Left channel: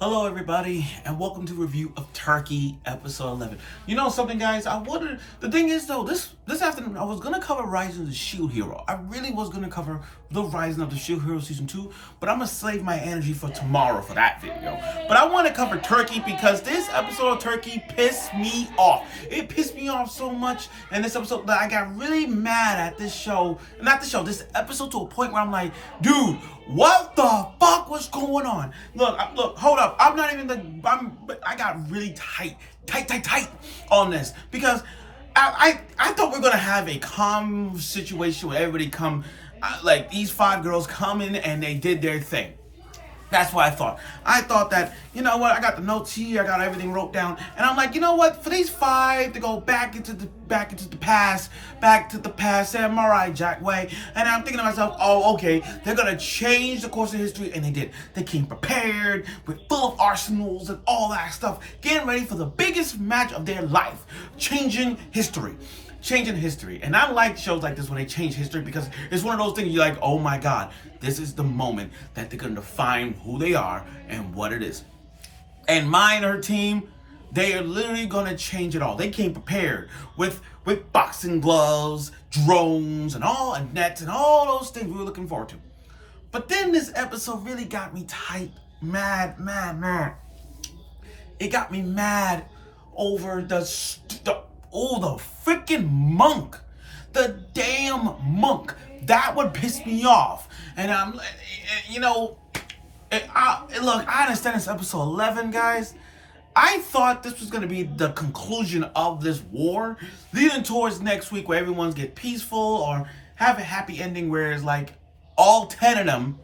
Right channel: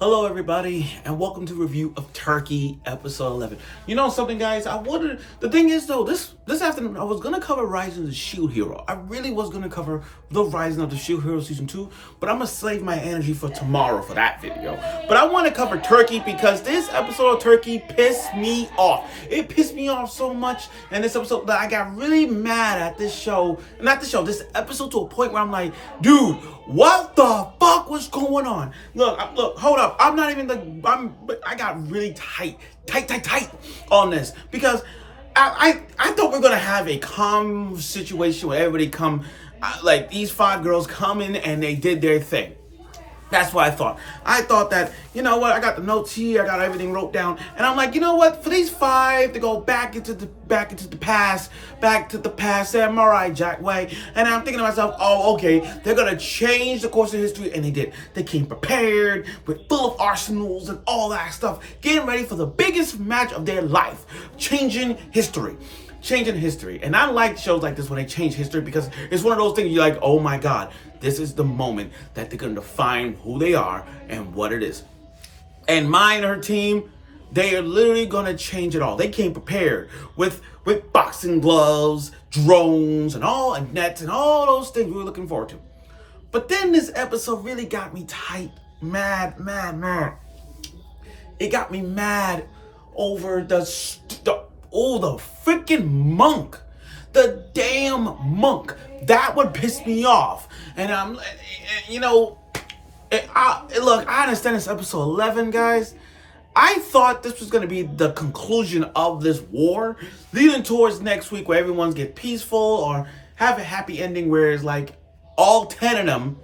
Hello, everybody, and welcome to review of Turkey episode 11. You know something, guys? The thing is, though, this afternoon I was gonna cover Rising of the Shield Hero. I really was gonna cover the Rising of the Shield Hero season 2, but I'm gonna save my energy for tomorrow for that video. But I want to cover Turkey because this episode of Turkey pissed me off. It pissed me off so much in this episode that I got really mad at this episode to a point where I'm like, dude, what the fuck was going on? Look, hold up. I got really tight on this because I thought we were gonna have a calm situation where everybody like these five girls come in and they did their thing. That's what I thought. I thought that, you know what, I got the notes here, I got everything wrote down, and I'm like, you know what, for these five to go back into the past, Samurai Jack way, and I'm thinking to myself, oh, okay, they're gonna change the course of history, and they did. They came prepared, with full of arsenals and all that stuff, getting ready for the biggest match of their life, changing history. And I like shows like this when they change history because it's one of those things you're like, oh my god, this is the moment that they're going to define who they are and what it is. And Mai and her team, they are literally going to change it all. They came prepared with boxing gloves, drones, and nets and all those things we were looking forward to. But then this episode really got me tight, mad. It got me mad over the freaking monk. The damn monk. That would piss me off. And look, I understand it's episode 11, guys. I thought this was going to be the conclusion of this war, leading towards next week where everyone's get peaceful or have a happy ending where it's like all 10 of them,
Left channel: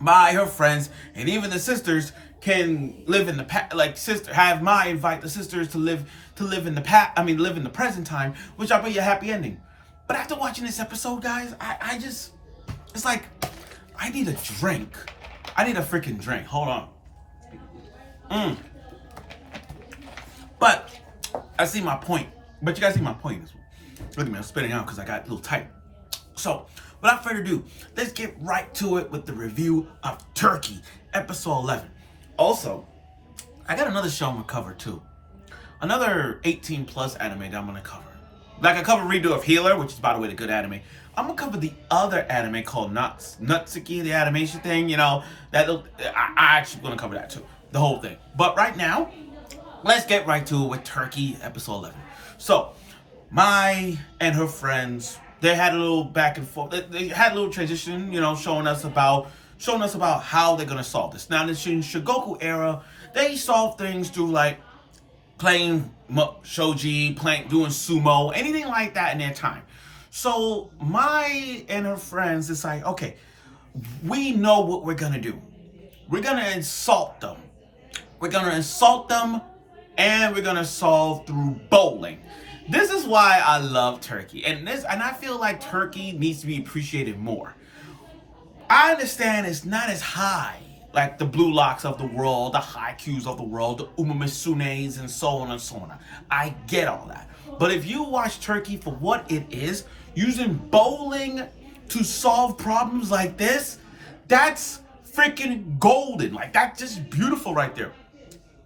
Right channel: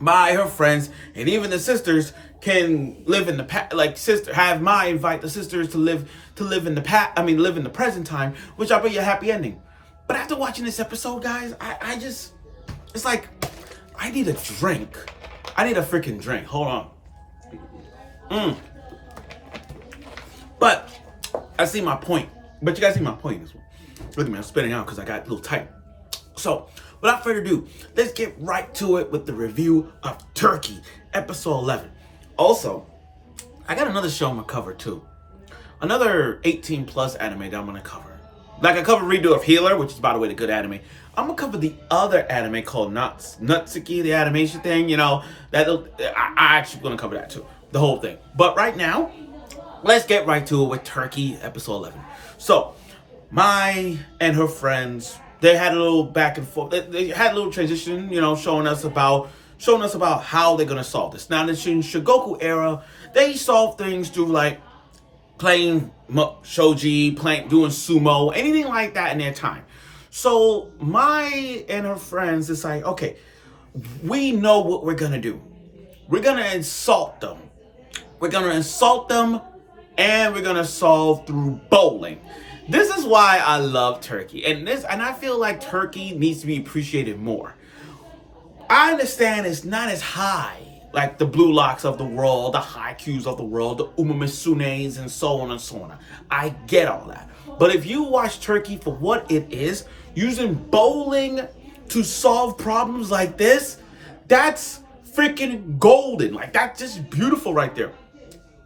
Mai, her friends, and even the sisters can live in the past. Like have Mai invite the sisters to live in the past. Live in the present time, which I'll be a happy ending. But after watching this episode, guys, it's like I need a drink. I need a freaking drink. Hold on. But I see my point. But you guys see my point as well. Look at me, I'm spitting out because I got a little tight. So, without further ado, let's get right to it with the review of Turkey, episode 11. Also, I got another show I'm gonna cover too. Another 18 plus anime that I'm gonna cover. Like I covered Redo of Healer, which is, by the way, the good anime. I'm gonna cover the other anime called Natsuki, the animation thing. You know, I actually gonna cover that too, the whole thing. But right now, let's get right to it with Turkey, episode 11. So, Mai and her friends, they had a little back and forth. They had a little transition, you know, showing us about how they're gonna solve this. Now, in the Shogoku era, they solve things through like playing shogi, doing sumo, anything like that in their time. So Mai and her friends decide, okay, we know what we're gonna do. We're gonna insult them. And we're gonna solve through bowling. This is why I love Turkey, and I feel like Turkey needs to be appreciated more. I understand it's not as high like the Blue Locks of the world, the Haikyuus of the world, the Umamisunes, and so on and so on. I get all that. But if you watch Turkey for what it is, using bowling to solve problems like this, that's freaking golden. Like, that's just beautiful right there.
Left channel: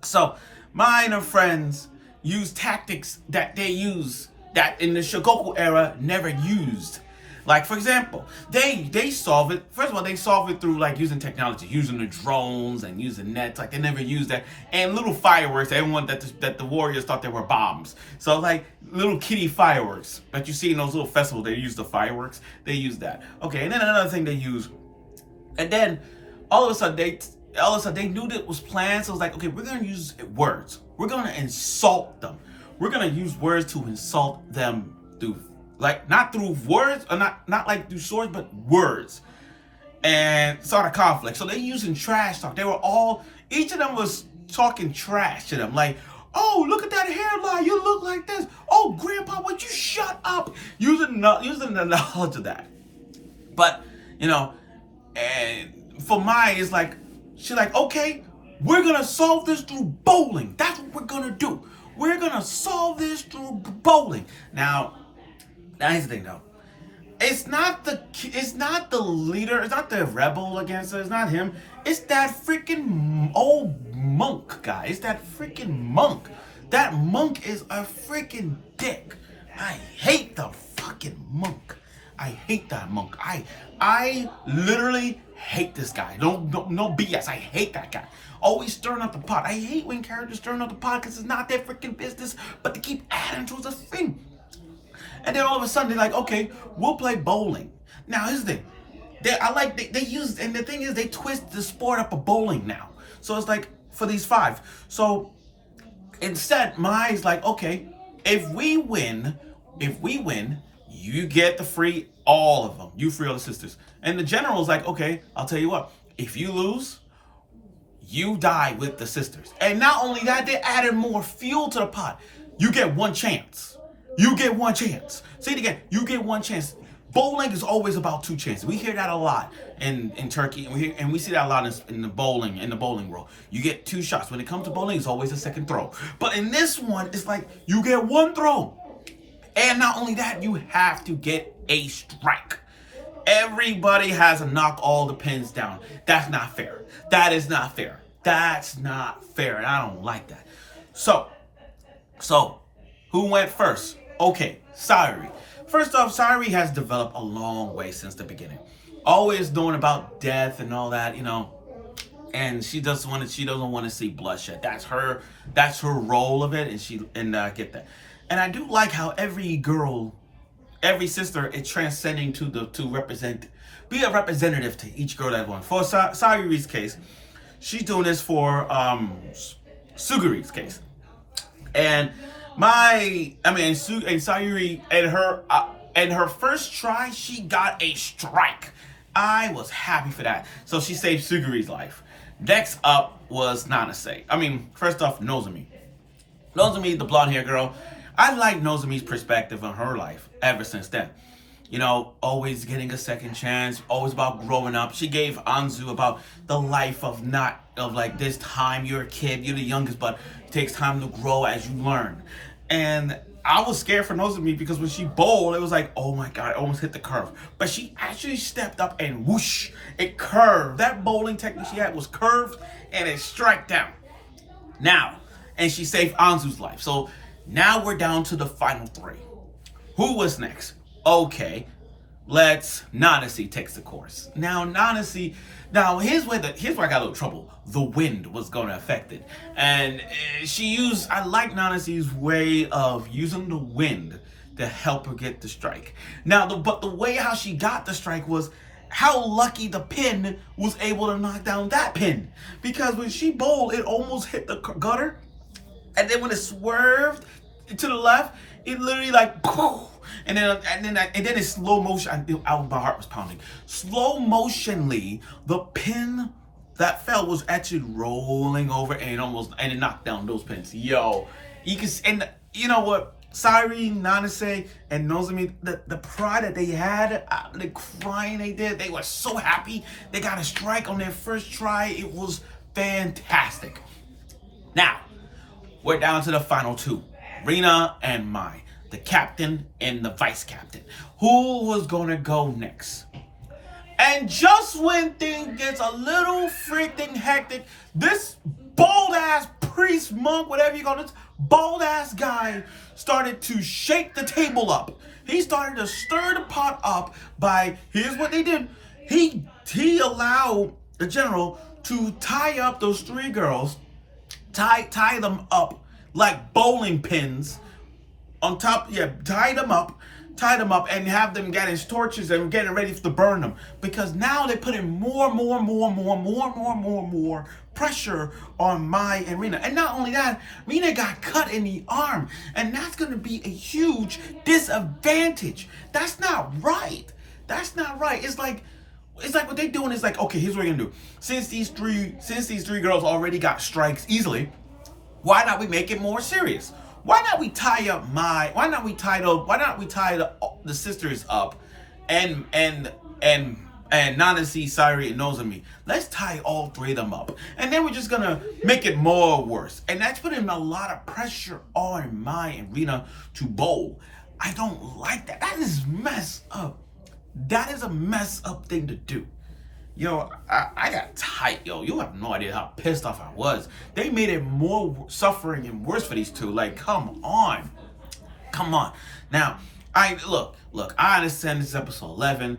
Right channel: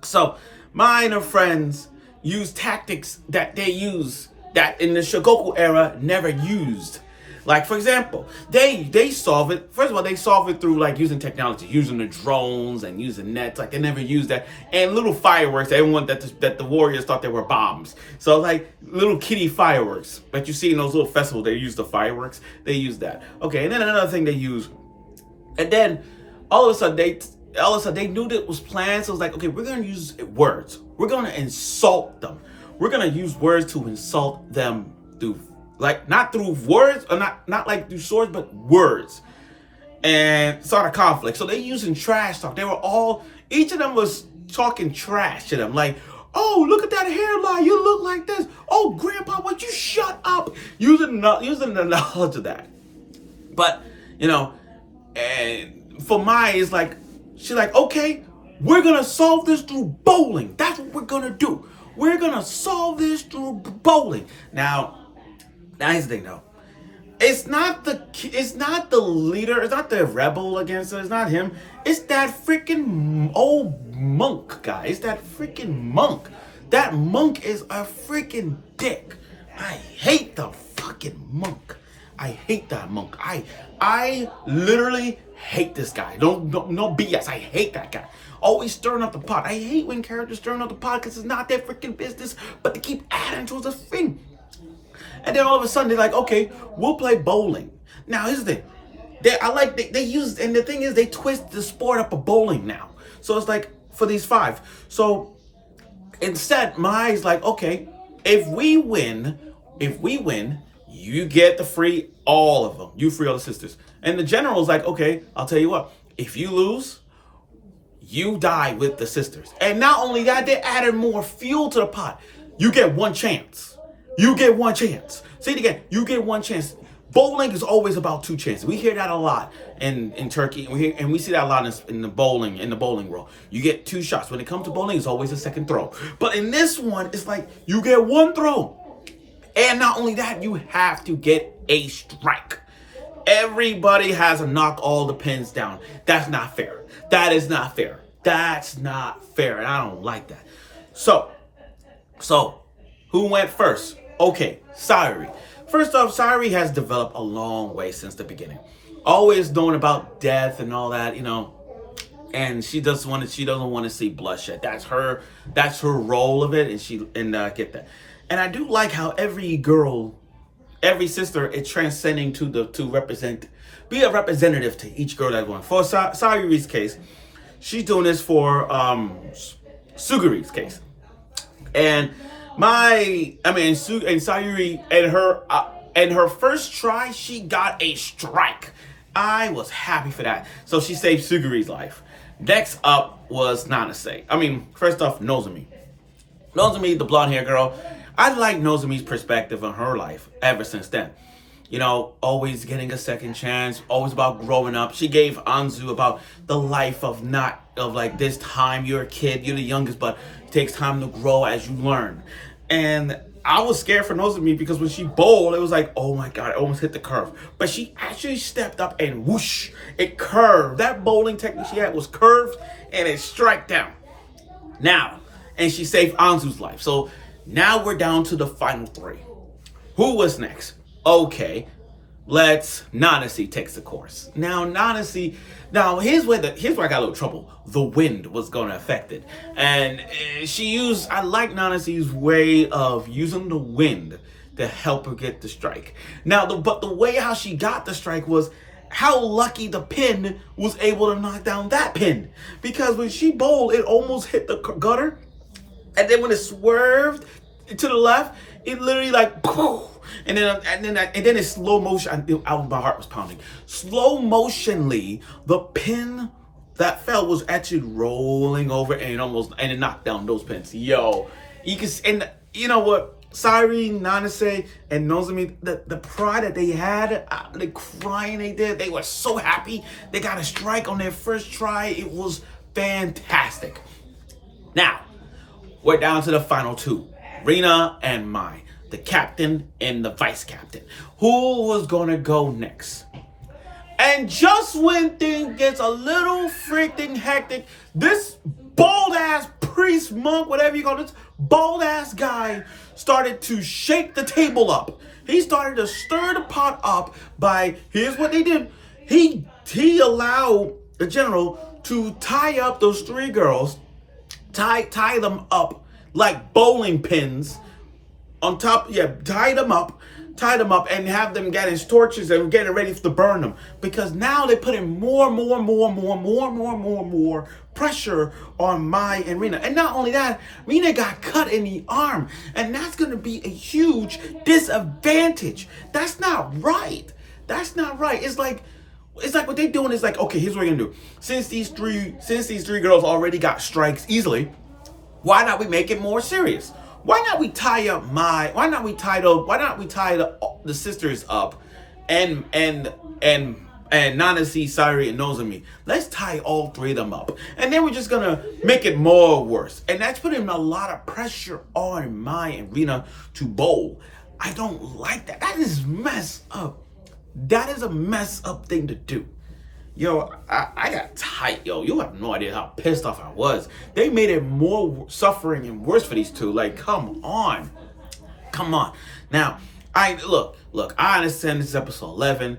So, Mai and her friends use tactics that they use that in the Shogoku era never used. Like, for example, they solve it. First of all, they solve it through like using technology, using the drones and using nets. Like, they never used that. And little fireworks. Everyone that the warriors thought they were bombs. So like little kitty fireworks like you see in those little festivals. They use the fireworks. They use that. Okay, and then another thing they use. And then all of a sudden they knew that it was planned. So it's like, okay, we're gonna use words. We're gonna insult them. We're gonna use words to insult them through. Like, not through words, or not like through swords, but words. And start a conflict. So they using trash talk. Each of them was talking trash to them. Like, oh, look at that hairline. You look like this. Oh, grandpa, would you shut up? Using the knowledge of that. But, you know, and for Mai, it's like, she's like, okay, we're going to solve this through bowling. That's what we're going to do. We're going to solve this through bowling. Now, here's the thing, though. It's not the leader. It's not the rebel against her. It's not him. It's that freaking old monk guy. It's that freaking monk. That monk is a freaking dick. I hate the fucking monk. I hate that monk. I literally hate this guy. No BS. I hate that guy. Always stirring up the pot. I hate when characters stirring up the pot because it's not their freaking business, but they keep adding to the thing. And then all of a sudden they're like, okay, we'll play bowling. Now here's the thing. They use, and the thing is they twist the sport up of bowling now. So it's like for these 5. So instead, Mai's like, okay, if we win, you get the free all of them. You free all the sisters. And the general's like, okay, I'll tell you what. If you lose, you die with the sisters. And not only that, they added more fuel to the pot. You get one chance. You get one chance. Say it again. You get one chance. Bowling is always about 2 chances. We hear that a lot in Turkey, and we see that a lot in the bowling world. You get 2 shots. When it comes to bowling, it's always a second throw. But in this one, it's like you get 1 throw. And not only that, you have to get a strike. Everybody has to knock all the pins down. That's not fair. That is not fair. That's not fair, and I don't like that. So who went first? Okay, Sayuri. First off, Sayuri has developed a long way since the beginning. Always knowing about death and all that, and she doesn't want to see bloodshed. That's her role of it, and get that. And I do like how every girl, every sister is transcending to be a representative to each girl that won. For Sayuri's case, she's doing this for Suguri's case. And Sayuri and her first try, she got a strike. I was happy for that. So she saved Suguri's life. Next up was Nanase. First off, Nozomi. Nozomi, the blonde hair girl. I like Nozomi's perspective on her life ever since then. Always getting a second chance, always about growing up. She gave Anzu about the life of this time you're a kid, you're the youngest, but it takes time to grow as you learn. And I was scared for Nozomi because when she bowled, it was like, oh my God, it almost hit the curve. But she actually stepped up and whoosh, it curved. That bowling technique she had was curved and it struck down. And she saved Anzu's life. So now we're down to the final 3. Who was next? Okay, Nanase takes the course. Now here's where I got a little trouble. The wind was going to affect it. And I like Nanase's way of using the wind to help her get the strike. But the way how she got the strike was how lucky the pin was able to knock down that pin. Because when she bowled, it almost hit the gutter. And then when it swerved to the left, it literally like poof. And then in slow motion, my heart was pounding. Slow motionly, the pin that fell was actually rolling over and it knocked down those pins. Yo, you can, and you know what? Sayuri, Nanase, and Nozomi, the pride that they had, the crying they did, they were so happy. They got a strike on their first try. It was fantastic. Now, we're down to the final 2, Rina and Mai. The captain and the vice captain. Who was gonna go next? And just when things gets a little freaking hectic, this bald ass priest, monk, whatever you call this, bald ass guy started to shake the table up. He started to stir the pot up by, here's what they did. He allowed the general to tie up those 3 girls, tie them up like bowling pins. On top, tie them up and have them getting torches and getting ready to burn them. Because now they're putting more pressure on Mai and Rina. And not only that, Rina got cut in the arm. And that's going to be a huge disadvantage. That's not right. That's not right. It's like what they're doing is like, okay, here's what we're going to do. Since these three girls already got strikes easily, why not we make it more serious? Why not we tie up why not we tie the sisters up and Nanase, Sayuri, and Nozomi. Let's tie all 3 of them up. And then we're just gonna make it more worse. And that's putting a lot of pressure on Mai and Rina to bowl. I don't like that. That is messed up. That is a messed up thing to do. Yo, I got tight, yo. You have no idea how pissed off I was. They made it more suffering and worse for these two. Like, come on. Come on. Now, I look, I understand this is episode 11.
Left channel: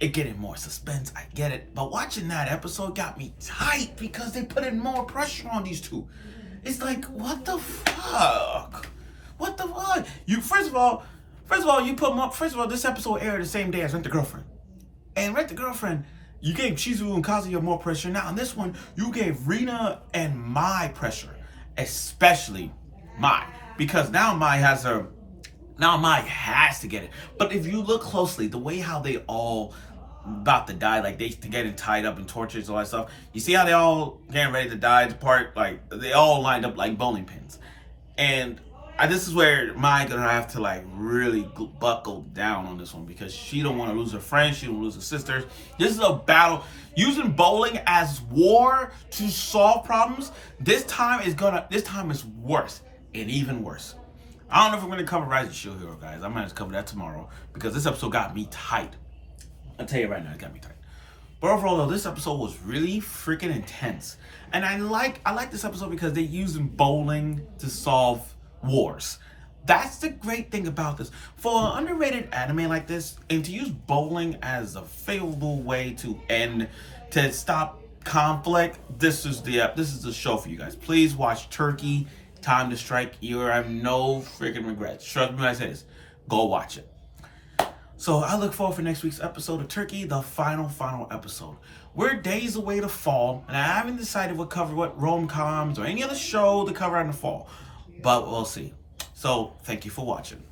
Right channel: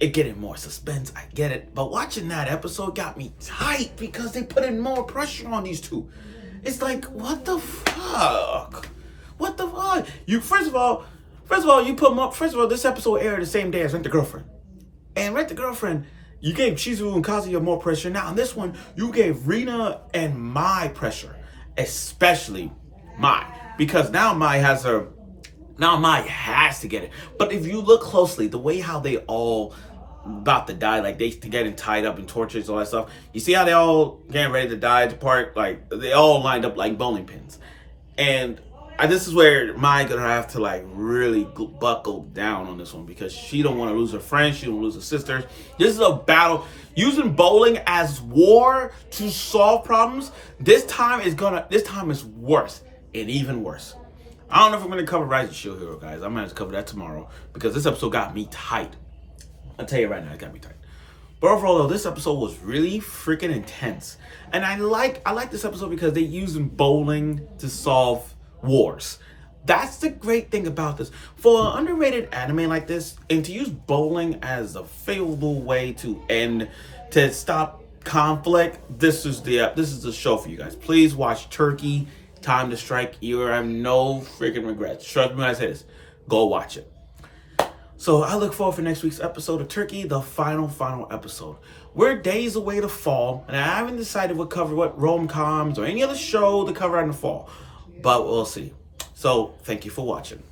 It getting more suspense, I get it. But watching that episode got me tight because they put in more pressure on these two. It's like, what the fuck? What the fuck? You first of all, you put them up. First of all, this episode aired the same day as Rent the Girlfriend. And Rent the Girlfriend, you gave Shizuru and Kazuya more pressure. Now on this one, you gave Rina and Mai pressure. Especially Mai. Because now Mai has to get it. But if you look closely, the way how they all about to die, like they getting tied up and tortured, all that stuff. You see how they all getting ready to die apart? Like they all lined up like bowling pins. And this is where Mai gonna have to like really buckle down on this one because she don't want to lose her friends, she don't lose her sisters. This is a battle using bowling as war to solve problems. This time is worse and even worse. I don't know if I'm gonna cover Rise of Shield Hero, guys. I'm gonna have to cover that tomorrow because this episode got me tight. I'll tell you right now, it got me tight. But overall, though, this episode was really freaking intense, and I like this episode because they're using bowling to solve wars. That's the great thing about this. For an underrated anime like this, and to use bowling as a favorable way to stop conflict, this is the show for you guys. Please watch Turkey: Time to Strike. You have no freaking regrets. Trust me when I say this. Go watch it. So I look forward for next week's episode of Turkey, the final episode. We're days away to fall, and I haven't decided what rom-coms or any other show to cover in the fall, but we'll see. So thank you for watching.